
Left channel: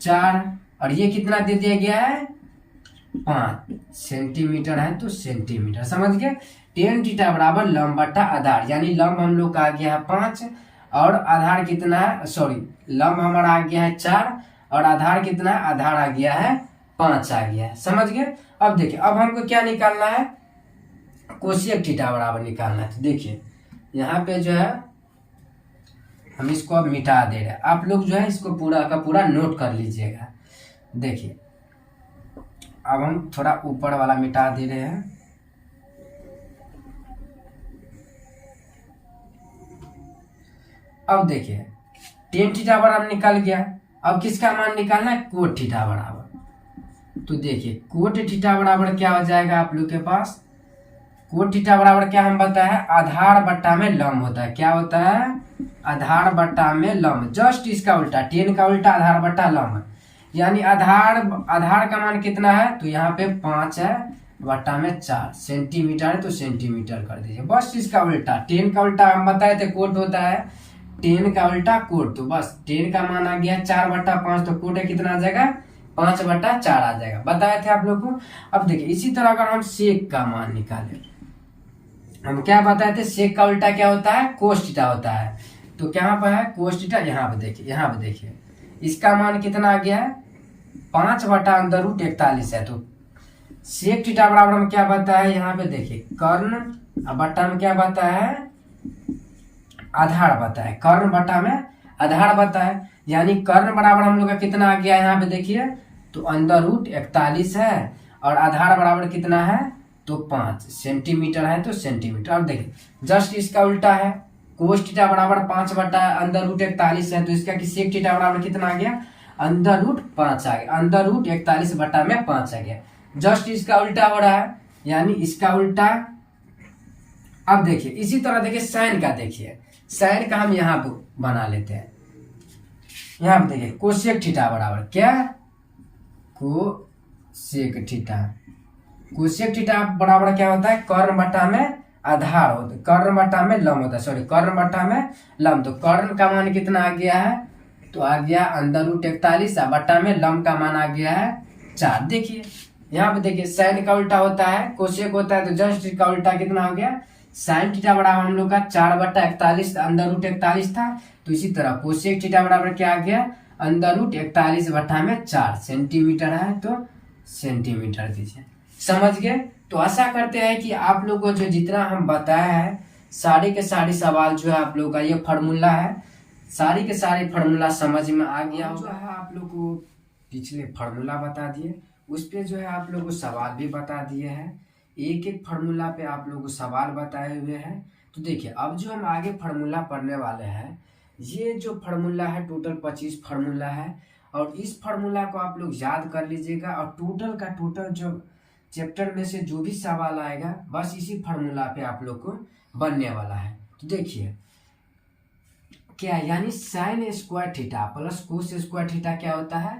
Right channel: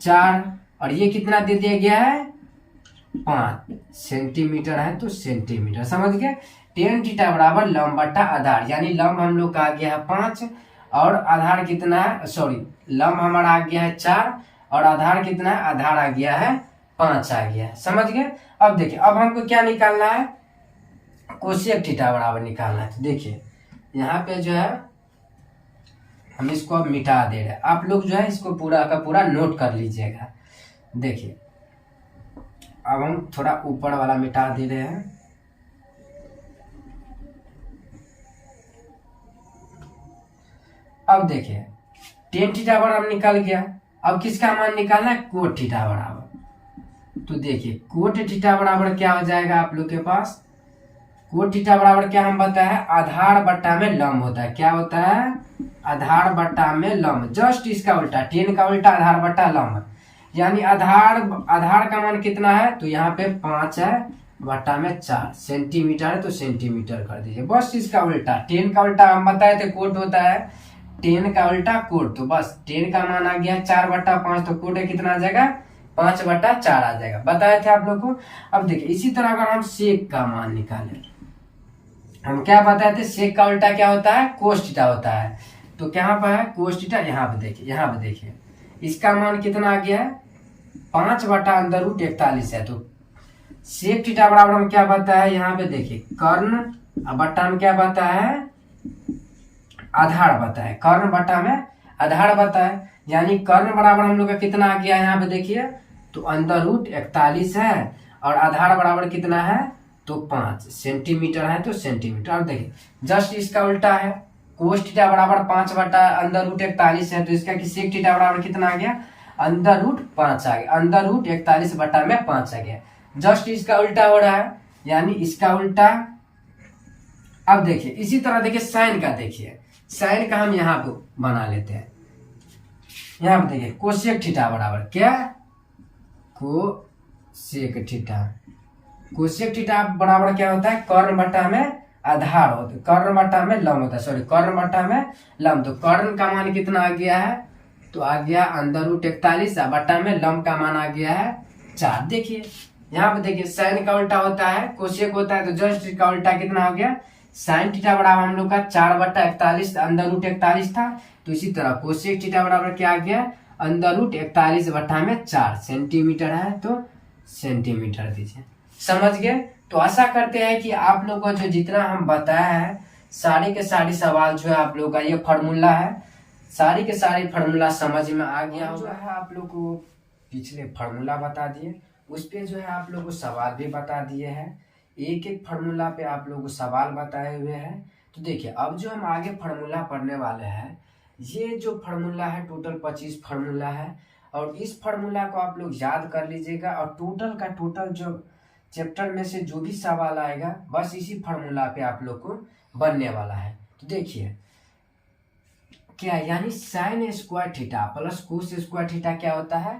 4, और ये कितना दे दिया गया है 5 सेंटीमीटर है तो सेंटीमीटर, समझ गए। टेन थीटा बराबर लंब बटा आधार, यानी लंब हम लोग का आ गया है 5 और आधार कितना है, सॉरी लंब हमारा आ गया है 4 और आधार कितना है, आधार आ गया है 5 आ गया है, समझ गए। अब देखिए अब हमको क्या निकालना है, कोसेक थीटा बराबर निकालना है। तो देखिए यहाँ पे जो है हम इसको अब मिटा दे रहे हैं, आप लोग जो है इसको पूरा का पूरा नोट कर लीजिएगा। देखिए अब हम थोड़ा ऊपर वाला मिटा दे रहे हैं। अब देखिए टेन थीटा बराबर निकल गया, अब किसका मान निकालना है, कोट थीटा बराबर। तो देखिए कोट थीटा बराबर क्या हो जाएगा आप लोग के पास, कोट थीटा बराबर क्या हम बताया है, आधार बट्टा में लंब होता है, क्या होता है, आधार बट्टा में लंब, जस्ट इसका उल्टा, टेन का उल्टा आधार बट्टा लंब, यानी आधार का मान कितना है, तो यहाँ पे 5 है बट्टा में 4 सेंटीमीटर है तो सेंटीमीटर कर दीजिए, बस इसका उल्टा, टेन का उल्टा हम बताए थे कोट होता है, टेन का उल्टा कोट, तो बस टेन का मान आ गया 4/5, तो कोट कितना आ जाएगा 5/4 आ जाएगा, बताए थे आप लोग को। अब देखिए इसी तरह अगर हम सेक का मान निकालें, हम क्या बताए थे, सेक का उल्टा क्या होता है, कोस थीटा होता है, तो क्या पर है कोस थीटा, यहाँ पे देखिए, यहाँ पे देखिए इसका मान कितना आ गया है 5/√41 है, तो सेक थीटा बराबर हम क्या बताया है, यहाँ पे देखिए कर्ण बट्टा में क्या बताया है, आधार बता है, कर्ण बट्टा में आधार बता है, यानी कर्ण बराबर हम लोग का कितना आ गया है, यहाँ पे देखिए तो √41 है और आधार बराबर कितना है, तो 5 सेंटीमीटर है तो सेंटीमीटर। अब देखिए जस्ट इसका उल्टा है, कोस थीटा बराबर 5/√41 है, तो इसका सेक थीटा बराबर कितना आ गया, √5 आ गया, √41/5 आ गया, जस्ट इसका उल्टा हो रहा है, यानी इसका उल्टा। अब देखिए इसी तरह देखिए साइन का, देखिए साइन का हम यहाँ पे बना लेते हैं, यहाँ पे देखिए कोसेक थीटा बराबर क्या, कोसेक थीटा, कोसेक थीटा बराबर क्या होता है, कर्ण बट्टा में आधार होता है, कर्ण बट्टा में लंब होता है, सॉरी कर्ण बट्टा में लंब, तो कर्ण का मान कितना आ गया है, तो आ गया √41 बट्टा में लंब का मान आ गया है 4। देखिए यहाँ पे देखिए साइन का उल्टा होता है कोसेक होता है, तो जस्ट का उल्टा कितना हो गया, साइन थीटा बराबर हम लोग का 4/41 √41 था, तो इसी तरह कोसेक थीटा बराबर क्या आ गया, √41/4 सेंटीमीटर है तो सेंटीमीटर दीजिए, समझ गए। तो आशा करते हैं कि आप लोग को जो जितना हम बताया है सारे के सारे सवाल जो है आप लोग का ये फार्मूला है, सारे के सारे फार्मूला समझ में आ गया होगा। जो है आप लोग को पिछले फार्मूला बता दिए, उस पे जो है आप लोग को सवाल भी बता दिए हैं, एक एक फार्मूला पे आप लोग को सवाल बताए हुए हैं। तो देखिए अब जो हम आगे फार्मूला पढ़ने वाले हैं, ये जो फार्मूला है टोटल 25 फार्मूला है, और इस फार्मूला को आप लोग याद कर लीजिएगा, और टोटल का टोटल जो चैप्टर में से जो भी सवाल आएगा बस इसी फार्मूला पे आप लोग को बनने वाला है। तो देखिए क्या, यानी sign square theta plus cos square theta क्या होता है,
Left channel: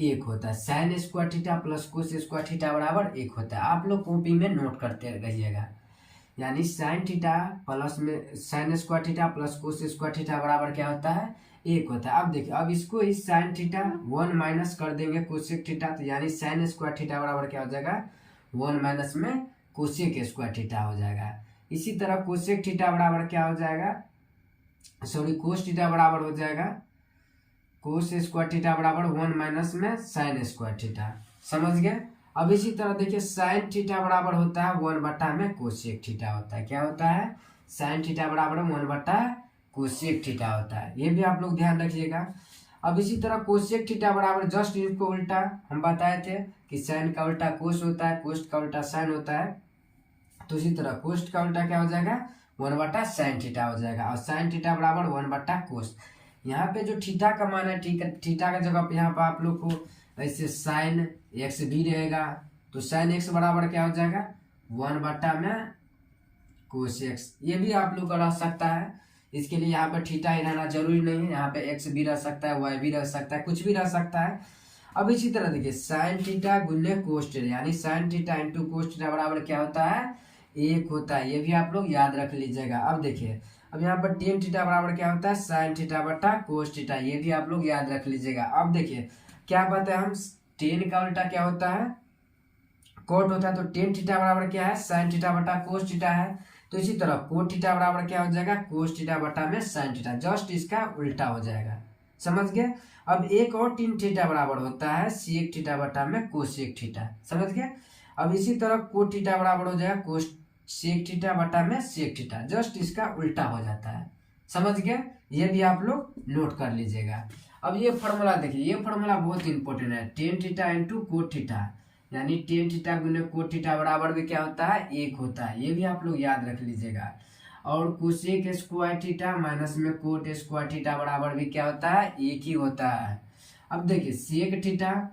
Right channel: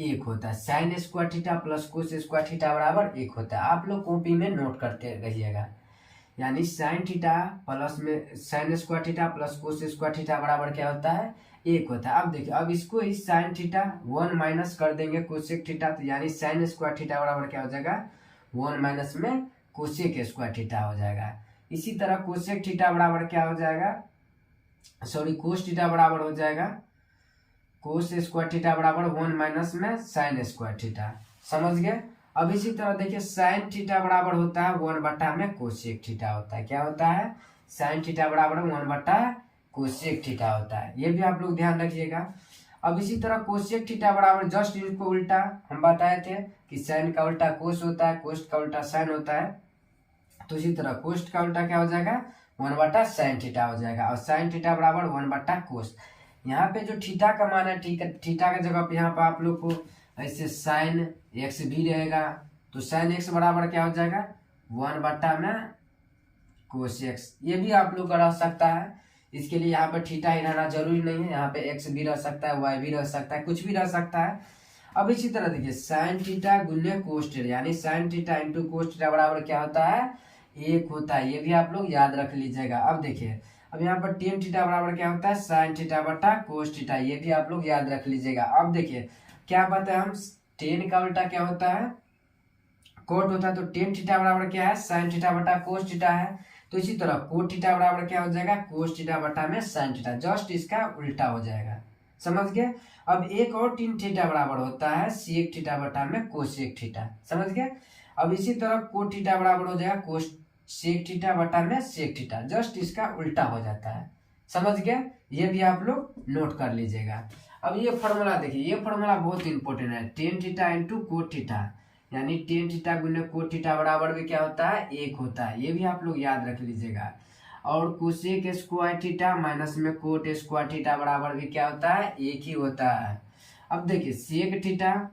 1 होता है, sign square theta plus cos square theta बराबर 1 होता है, आप लोग कॉपी में नोट करते रहिएगा, यानी साइन थीटा प्लस में sign square theta plus cos square theta बराबर क्या होता है, 1 होता है। अब देखिए अब इसको इस साइन थीटा 1 माइनस कर देंगे कोसेक थीटा, तो यानी साइन स्क्वायर थीटा बराबर क्या हो जाएगा, 1 माइनस में कोसेक स्क्वायर थीटा हो जाएगा। इसी तरह कोसेक थीटा बराबर क्या हो जाएगा, सॉरी कोस थीटा बराबर हो जाएगा, कोस स्क्वायर थीटा बराबर 1 माइनस में साइन स्क्वायर थीटा, समझ गए। अब इसी तरह देखिए साइन थीटा बराबर होता है 1 बट्टा में कोसेक थीटा होता है, क्या होता है, साइन थीटा बराबर 1 बट्टा कोसेक थीटा होता है, ये भी आप लोग ध्यान रखिएगा। अब इसी तरह कोसेक थीटा बराबर जस्ट इसको उल्टा हम बताए थे कि साइन का उल्टा कोस होता है, कोस का उल्टा साइन होता है, तो इसी तरह कोस का उल्टा क्या हो जाएगा, 1 बट्टा साइन थीटा हो जाएगा, और साइन थीटा बराबर 1 बट्टा कोस। यहाँ पे जो थीटा का मान है, ठीक है, थीटा के जगह पे यहाँ पे आप लोग को ऐसे साइन एक्स भी रहेगा, तो साइन एक्स बराबर क्या हो जाएगा, 1 बट्टा में कोस एक्स, ये भी आप लोग का रह सकता है, इसके लिए यहाँ पे थीटा ही रहना जरूरी नहीं है, यहाँ पे एक्स भी रह सकता है, वाई भी रह सकता है, कुछ भी रह सकता है। अब इसी तरह देखिए साइन थीटा गुने कोस थीटा, यानी sine theta into cos theta बराबर क्या होता है, 1 होता है, ये भी आप लोग याद रख लीजिएगा। अब देखिए अब यहाँ पर टेन थीटा बराबर क्या होता है, साइन थीटा बटा कोस थीटा, ये भी आप लोग याद रख लीजिएगा। अब देखिए क्या बताया हम, टेन का उल्टा क्या होता है, कोट होता है। तो टेन थीटा बराबर क्या है, साइन थीटा बटा कोस थीटा है। तो इसी तरह कोट थीटा बराबर क्या हो जाएगा, कोस थीटा बटा में साइन थीटा, जस्ट इसका उल्टा हो जाएगा। समझ गए। अब एक और टेन थीटा बराबर होता है सेक थीटा बटा में कोसेक थीटा। समझ गए। अब इसी तरह कोट थीटा बराबर हो जाएगा कोस सेक थीटा बटा में सेक थीटा, जस्ट इसका उल्टा हो जाता है। समझ गए। ये भी आप लोग नोट कर लीजिएगा। अब ये फॉर्मूला देखिए, ये फॉर्मूला बहुत इंपॉर्टेंट है, tan theta into cot theta, यानी टेन थीटा गुने कोट थीटा बराबर भी क्या होता है, एक होता है। ये भी आप लोग याद रख लीजिएगा। और कोसेक स्क्वायर थीटा माइनस में कोट स्क्वायर थीटा बराबर भी क्या होता है, एक ही होता है। अब देखिए सेक थीटा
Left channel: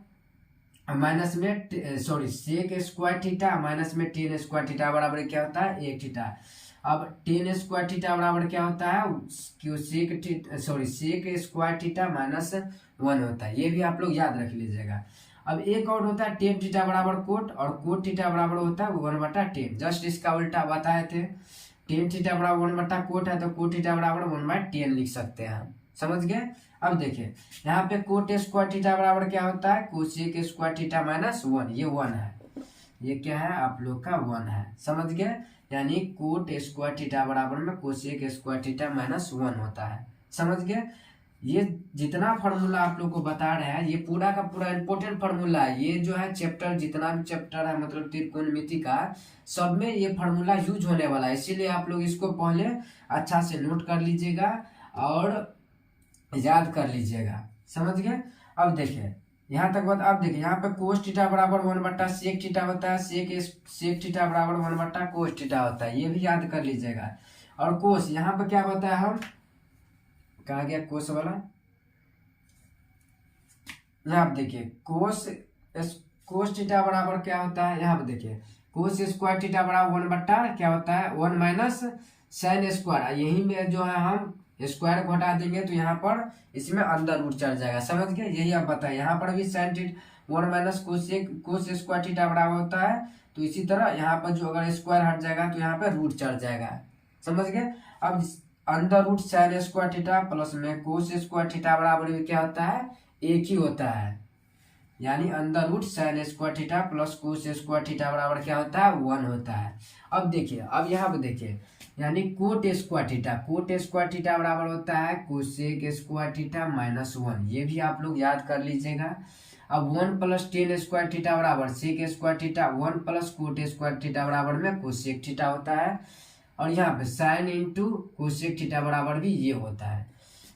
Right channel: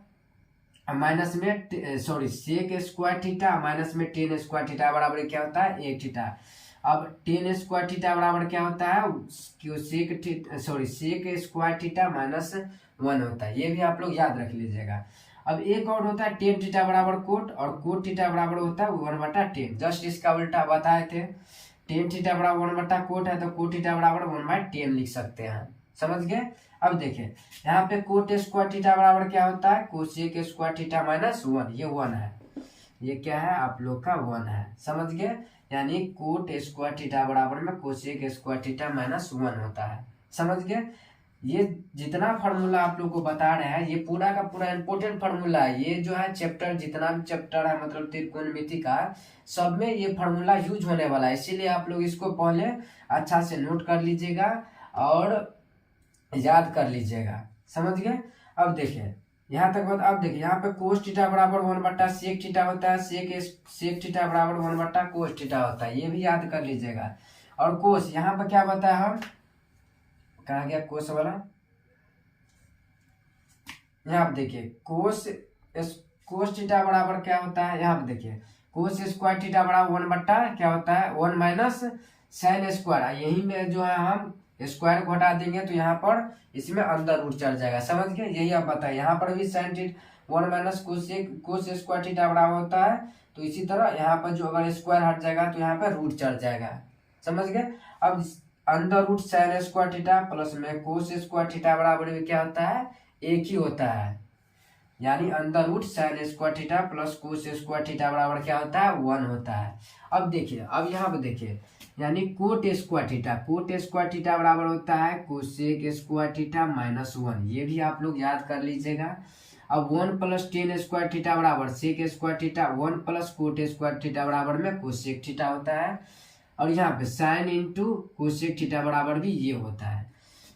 माइनस में सेक स्क्वायर थीटा माइनस में टेन स्क्वायर थीटा बराबर क्या होता है, एक थीटा। अब टेन स्क्वायर थीटा बराबर क्या होता है, सेक स्क्वायर थीटा माइनस 1 होता है। ये भी आप लोग याद रख लीजिएगा। अब एक और होता है टेन थीटा बराबर कोट, और कोट थीटा बराबर होता है 1/10, जस्ट इसका उल्टा बताए थे। टेन थीटा बराबर 1/कोट है, तो कोट थीटा बराबर 1/10 लिख सकते हैं। समझ गए। अब देखिए यहाँ पे कोट स्क्वायर थीटा बराबर क्या होता है, कोसेक स्क्वायर थीटा माइनस 1, ये 1 है, ये क्या है आप लोग का 1 है। समझ गए। यानी कोट स्क्वायर थीटा बराबर में कोसेक स्क्वायर थीटा माइनस 1 होता है। समझ गए। ये जितना फॉर्मूला आप लोग को बता रहे हैं, ये पूरा का पूरा इंपॉर्टेंट फॉर्मूला है। ये जो है चैप्टर, जितना भी चैप्टर है मतलब त्रिकोणमिति का, सब में ये फॉर्मूला यूज होने वाला है। इसीलिए आप लोग इसको पहले अच्छा से नोट कर लीजिएगा और याद कर लीजिएगा। समझ गए। अब देखिए यहाँ तक बात। अब देखिए यहाँ पे कोस थीटा बराबर 1/सेक थीटा होता है, सेक थीटा बराबर 1/कोस थीटा होता है, ये भी याद कर लीजिएगा। और कोस यहाँ पे क्या बताया हम, कहा गया कोस वाला, यहाँ पे देखिए कोस थीटा बराबर क्या होता है, यहाँ पे देखिए कोस स्क्वायर थीटा बराबर 1/ क्या होता है, 1 माइनस साइन स्क्वायर। यही में जो है हम स्क्वायर को हटा देंगे तो यहाँ पर इसमें अंदर रूट चढ़ जाएगा। समझ गए। यही आप बताइए, यहाँ पर भी sine theta 1 minus cos square theta बराबर होता है, तो इसी तरह यहाँ पर जो अगर स्क्वायर हट जाएगा तो यहाँ पे रूट चढ़ जाएगा। समझ गए। अब अंदर root sine square theta plus में कोस स्क्वायर थीटा बराबर भी क्या होता है, एक ही होता है। यानी अंदर root sine square theta plus cos square theta बराबर क्या होता है, 1 होता है। अब देखिए, अब यहाँ पे देखिए, यानी कोट स्क्वायर थीटा बराबर होता है कोसेक स्क्वायर थीटा माइनस 1, ये भी आप लोग याद कर लीजिएगा। अब 1 प्लस टेन स्क्वायर थीटा बराबर sec square theta, 1 plus cot square theta बराबर में कोसेक थीटा होता है। और यहाँ पे साइन इंटू कोसेक थीटा बराबर भी ये होता है।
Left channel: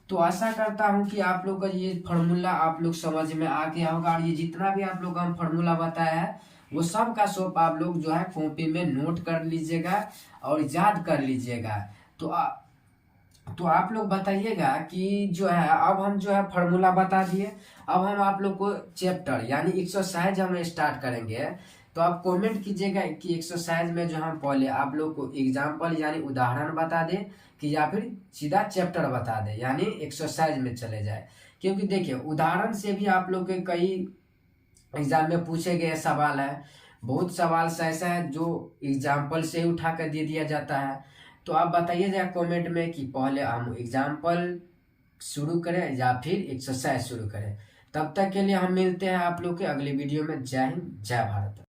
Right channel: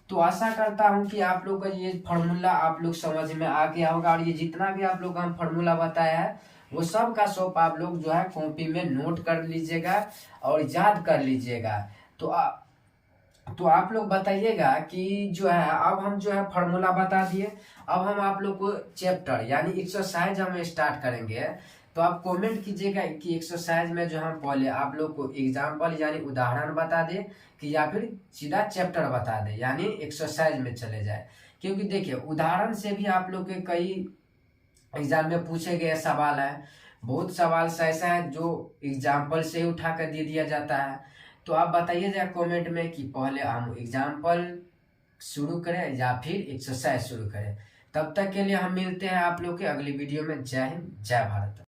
तो आशा करता हूँ कि आप लोग का ये फॉर्मूला आप लोग समझ में आ गया होगा, और ये जितना भी आप लोग का फॉर्मूला बताया है वो सब का सब आप लोग जो है कॉपी में नोट कर लीजिएगा और याद कर लीजिएगा। तो आप लोग बताइएगा कि जो है अब हम जो है फॉर्मूला बता दिए, अब हम आप लोग को चैप्टर यानी एक्सरसाइज हम स्टार्ट करेंगे। तो आप कमेंट कीजिएगा कि एक्सरसाइज में जो हम पहले आप लोग को एग्जाम्पल यानी उदाहरण बता दे कि या फिर सीधा चैप्टर बता दे, यानी एक्सरसाइज में चले जाए। क्योंकि देखिए उदाहरण से भी आप लोग के कई एग्जाम में पूछे गए सवाल है, बहुत सवाल ऐसा है जो एग्जाम्पल से ही उठा कर दे दिया जाता है। तो आप बताइएगा कमेंट में कि पहले हम एग्जाम्पल शुरू करें या फिर एक्सरसाइज शुरू करें। तब तक के लिए हम मिलते हैं आप लोग के अगली वीडियो में। जय हिंद, जय भारत।